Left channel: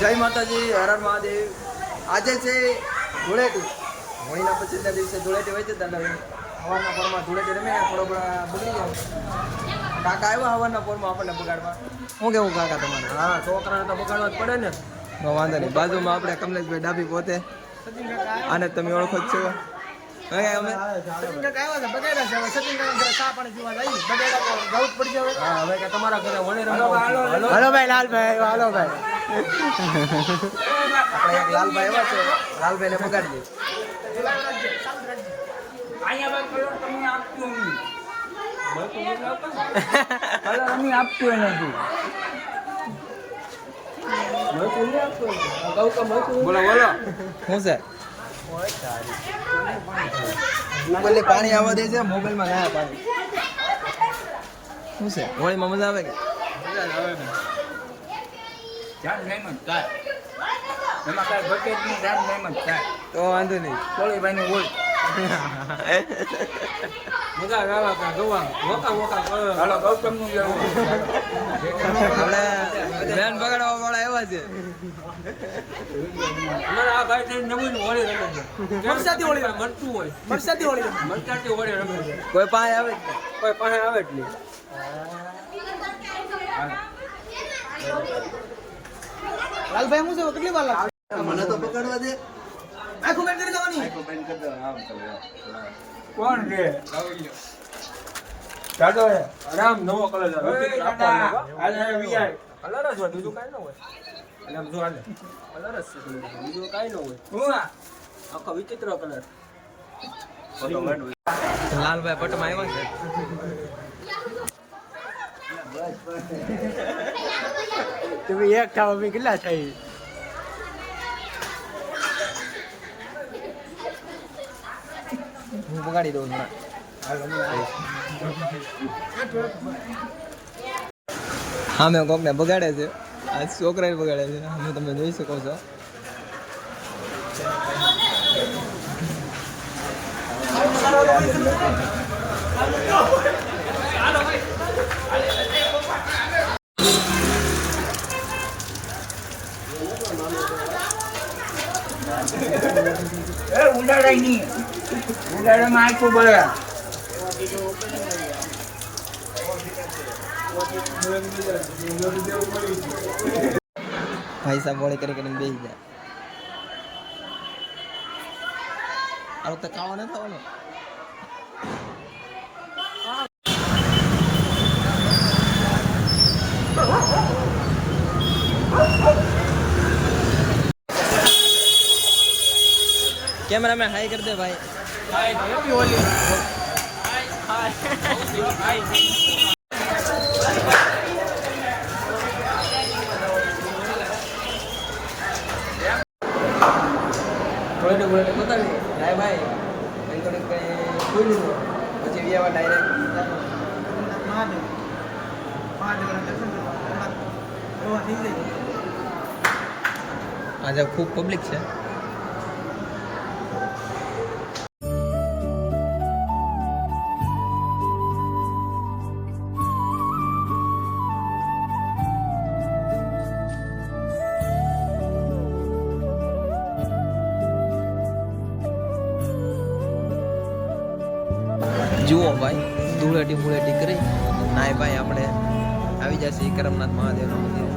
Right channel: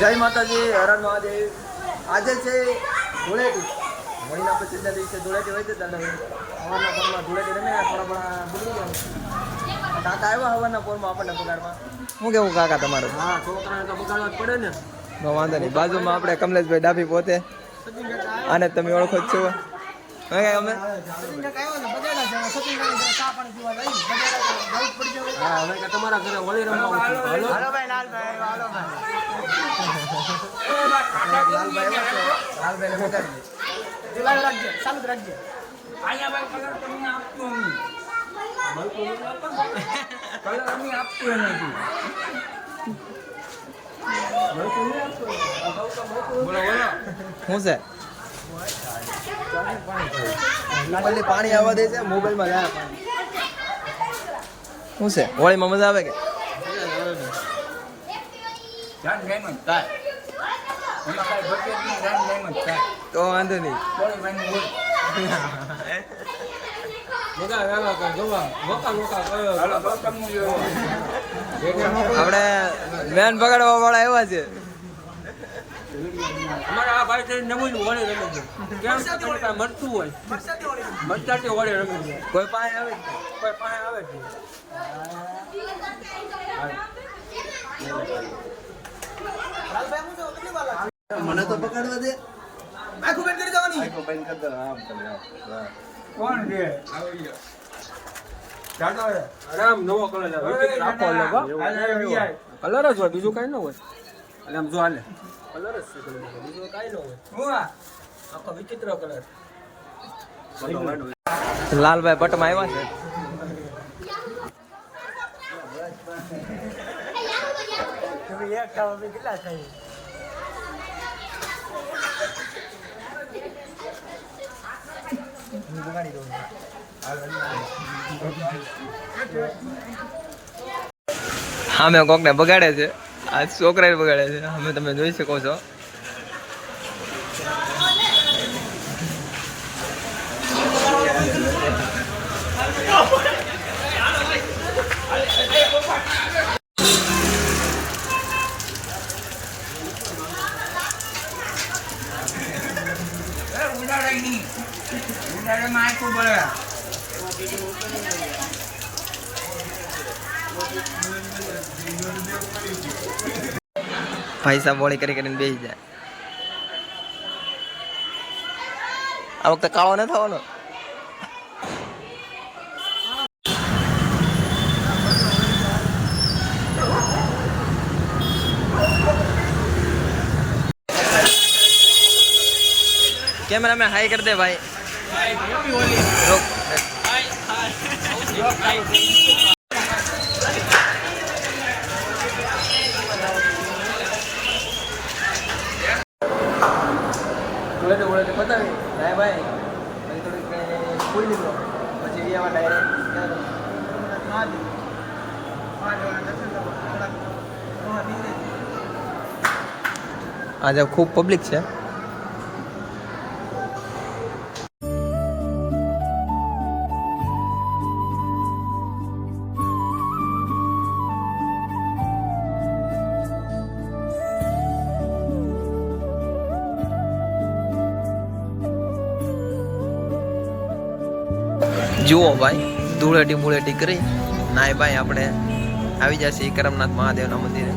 જય માતાજી, હર હર મહાદેવ. આજે છે ધૂળેટી. હોળીના પછીના દિવસે ધૂળેટી હોય છે. હવારના પોરમાં ધૂળેટી રમે, થોડા થોડા બગડી જાય. કાકા આવ્યા હવારના પોરમાં આપણને બગાડવા. શું કેવું કાકા તમારું? હા, છોકરાને તો બગાડવા જ પડે ને. નો વાંધો નહીં. બાજુમાં આપણે કમલેશભાઈ ડાભી પોતે, આને તમે ઓળખો જ છો. અમે હા, હવે કે તમારા ઘરે હોળી રમવા હાલો ભાઈ લાલભાઈ, હાલો ભાઈ. લાલભાઈ એવા છે, લાલભાઈ ને બગાડીએ. બોલો બોલો શું છે? મોબાઈલ પાણી આવવા દે છે, મોબાઈલમાં જાય પાણી. શું છે? હોળીમાં મજા આવે કે? તો વાંધો નહીં. મજા આવે કે ગવા વોકા વોકા આપણે વેન બગાડવા વાળા એવા છે. અમારા આ ભાઈ નવું હોળી રમે છે. મરતું હોય મરચાથી હોળી રમે છે. કોઈ પાસે આવે જ નહીં. કોઈ પાસે આવે જ નહીં. મને તો પકડવા દે. આખું બેન કરી દેવાની. કોણ છે? રામ નવો કલર છે. કલર જ હોય, બીજું કઈ ન હોય. એટલે આમ જો હાલે કલર જ છે, બીજું કઈ ન હોય. આખો વિચિત્ર કલર. લાલભાઈ પટમાં આવ્યા છે. તમે એક થાવ અમે કેટલા થઈ? હું બગાડી દઉં. હા, મેં કોકને બગાડે છે. આ છોકરાએ બગાડે છે. અમે તમે જોઈ શકો છો. ભાઈ સાહેબ હોળી કરીને બેસી જાય. આ વખતે કાળો ન થવાનો. कैमरा में हाई कर दे भाई. हैप्पी होली. થોડે બતાવી નાય ભાઈ. પછી થોડીક ખોઈ લીધું, પછી વ્યાવા ડાયરેક્ટ આજે ખૂબ પબ્લિક છે. જુઓ ભાઈ, ધૂળેટી બુળેટી કરી નાય ભાઈ આપણે આવી જશે કરમનાથ મહાદેવના મંદિરે.